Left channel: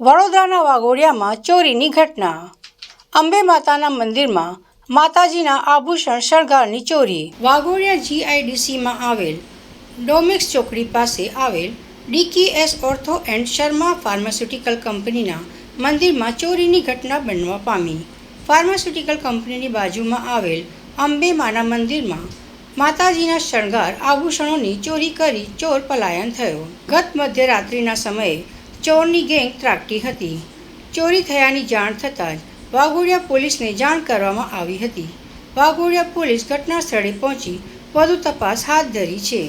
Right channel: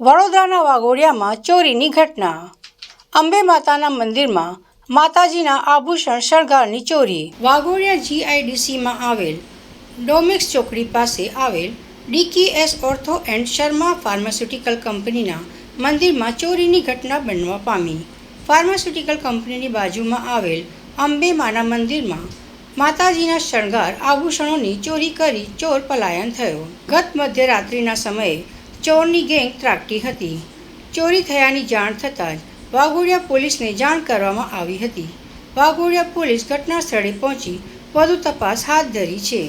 વડોદરાના વાઘોડિયામાં ચોરીની ઘટના. અંબે માતાના મંદિરમાં માતાજીના આભૂષણ શણગારની ચોરી. વાઘોડિયા જીઆઈડીસીમાં આવેલ ડોમેક્સ ચોકડી પાસે આવેલ ડીકેએસ ઓર્થો એન્ડ શર્મા ફાર્માસ્યુટિકલ કંપનીના મંદિરમાં ચોરીની ઘટના બનવા પામી. ફાર્માસ્યુટિકલ કંપનીની બાજુમાં આવેલ અંબે માના મંદિરમાં માતાજીના શણગાર આભૂષણોની ચોરી કરી ચોર પલાયન થયો. ગત મધ્યરાત્રિના સમયે ચોરની ગેંગ ત્રાટકી હતી. ચોરી થયાની જાણ થતાં જ વાઘોડિયા પોલીસને જાણ કરવામાં આવી હતી. વાઘોડિયા પોલીસ ઘટના સ્થળે પહોંચી વધુ તપાસ હાથ ધરી છે.